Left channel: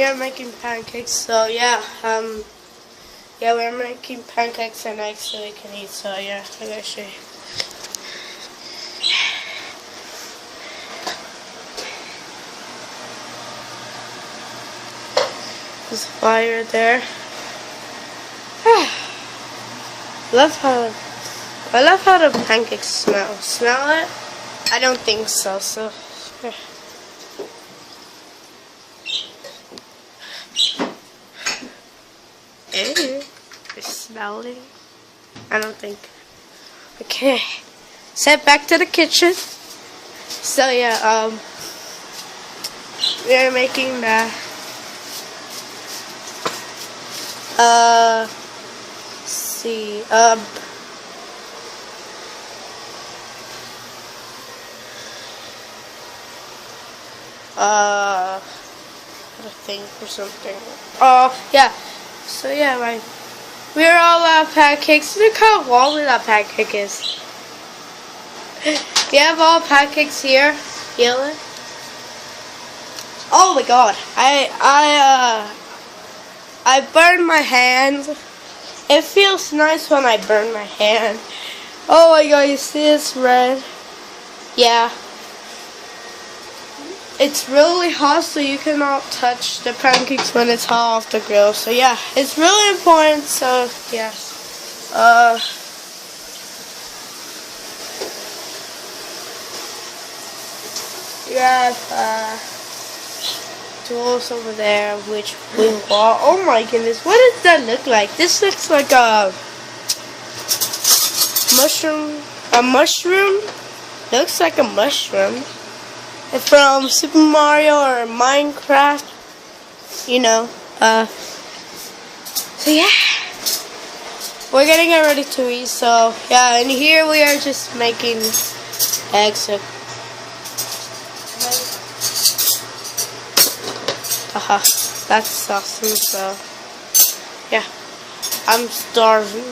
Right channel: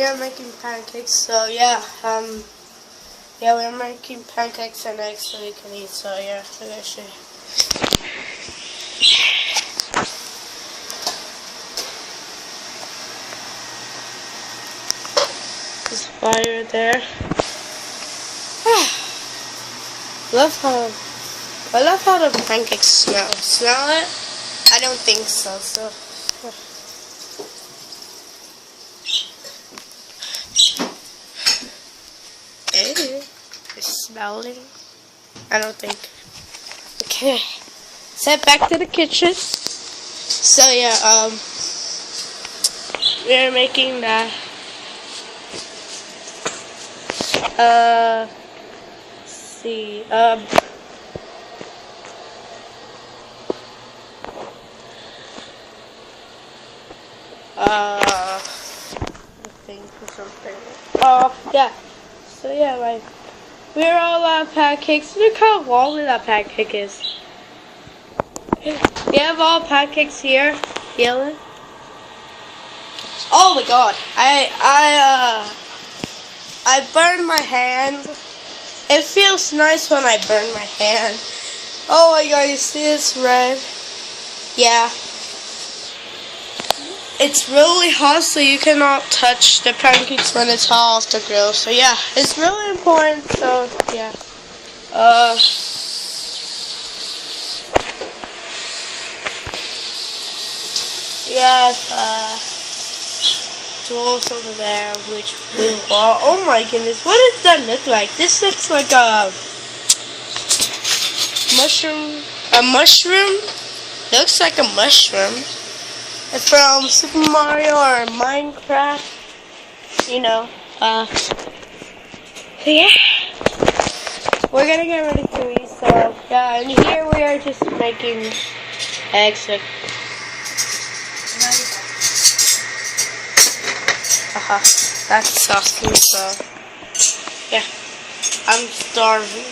we are making pancakes. So yeah, yeah, we're making pancakes and eggs so we can eat. So yeah, I'm gonna show you. There's fire there. I love how the pancakes smell. Smell it? I don't think so. So. Yeah. You smell it? I don't think. Okay. Set back to the kitchen. So yeah, we are making the let's see, I think or something. Oh yeah. So yeah, right. We're all pancakes. Look how wobbly that pancake is. We have all pancakes here. Feel it? Oh my god. I burned my hand. It feels nice when I burn my hand. Oh my god, you see it's red? Yeah. It's really hot, so you cannot touch the pancakes when it's hot off the grill. So yeah, it's really important. So yeah. Tools over there, which we bought. Oh my goodness, what does that look like? This looks like a mushroom. A mushroom? It looks like a mushroom. It's from Super Mario or Minecraft. You know. So yeah. We're getting it ready to eat, so yeah, and here we are just making eggs. Haha, that's awesome, so yeah, I'm starving.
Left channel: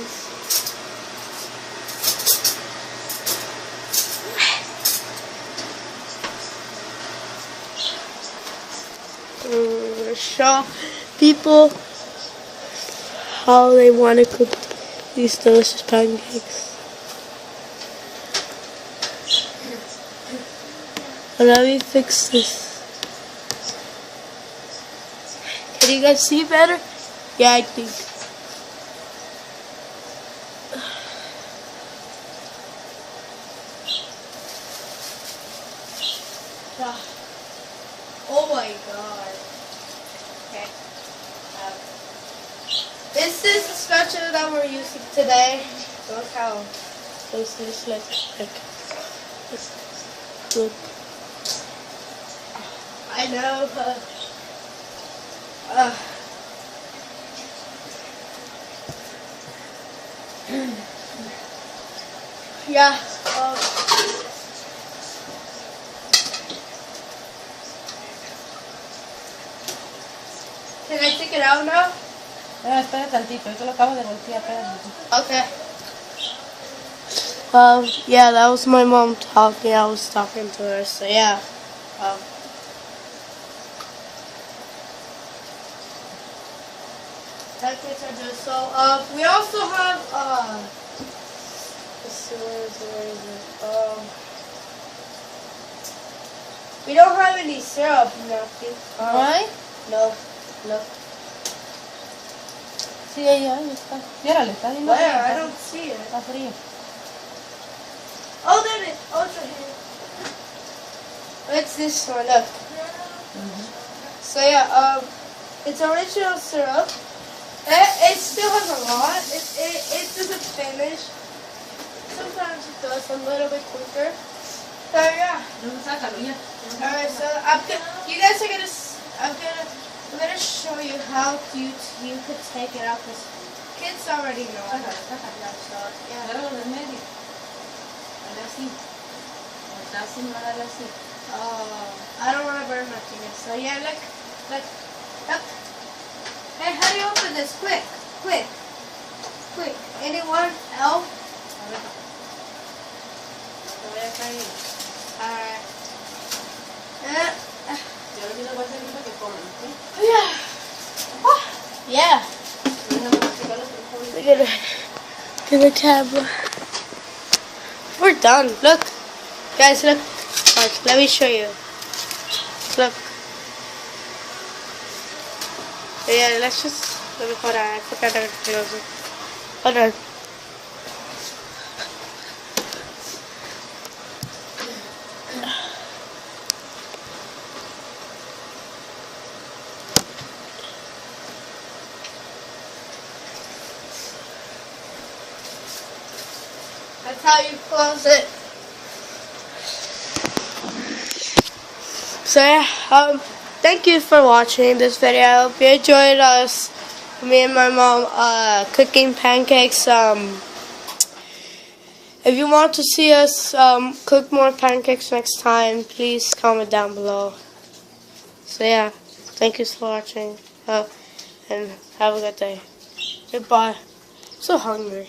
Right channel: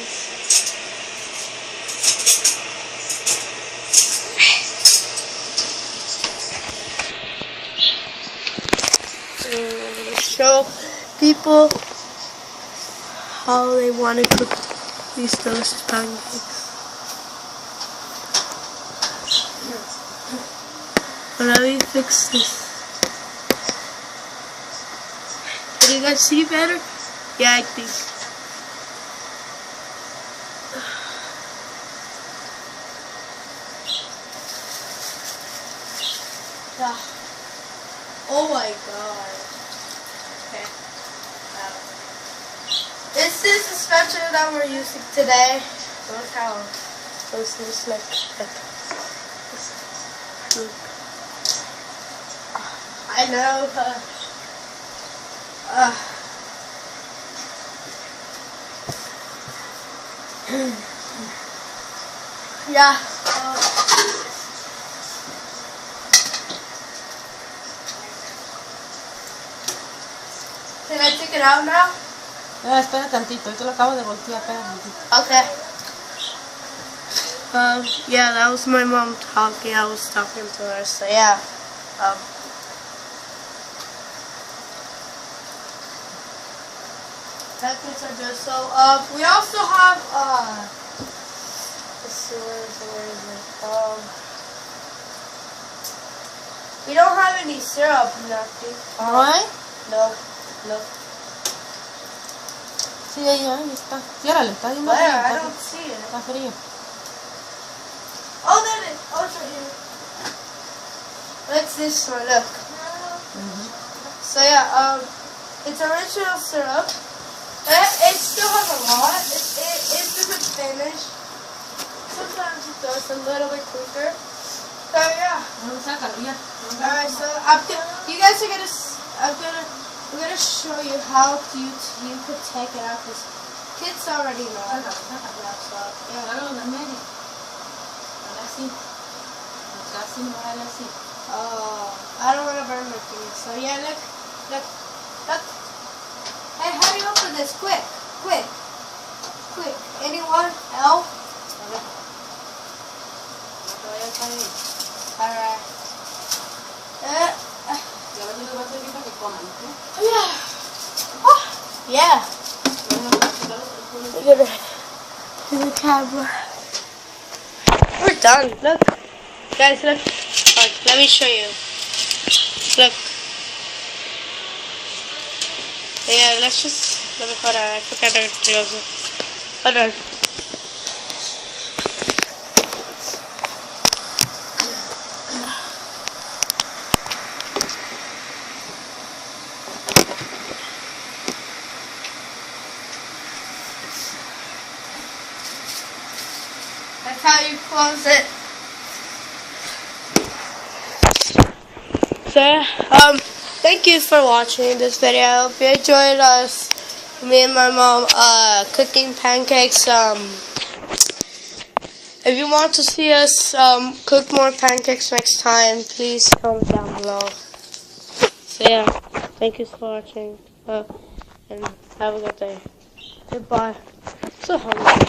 Show people how they want to cook these delicious pancakes. But let me fix this. Can you guys see better? Yeah, I think. Oh my god. Okay. This is the spatula that we're using today. Look how this is good. I know, yeah. Can I take it out now? Espera tantito, yo lo acabo de voltear, espera tantito. Okay. Yeah, that was my mom talking. I was talking to her, so yeah. Pancakes are good. So, we also have, we don't have any syrup, nothing. Why? No, no. Sí, ahí está. Ciérrale, está bien frío. Where? I don't see it. Está frío. Oh, there it is. Oh, it's right here. What's this one? Look. So yeah, it's original syrup. It still has a lot. It doesn't finish. Sometimes it does a little bit quicker. So yeah. Alright, so you guys are I'm gonna show you how you could take it out because kids already know. So yeah. I don't want to burn my fingers. So yeah, look. Hey, how do you open this? Quick. Anyone else? Alright. Yeah. to the camera. We're done. Look. Guys, look. Watch, let me show you. Look. Yeah, let's just let me put on. I think I can clear it. Hold on. That's how you close it. So yeah, thank you for watching this video. I hope you enjoyed us, me and my mom, cooking pancakes. If you want to see us cook more pancakes next time, please comment down below. So yeah, thank you for watching, and have a good day. Goodbye. So hungry.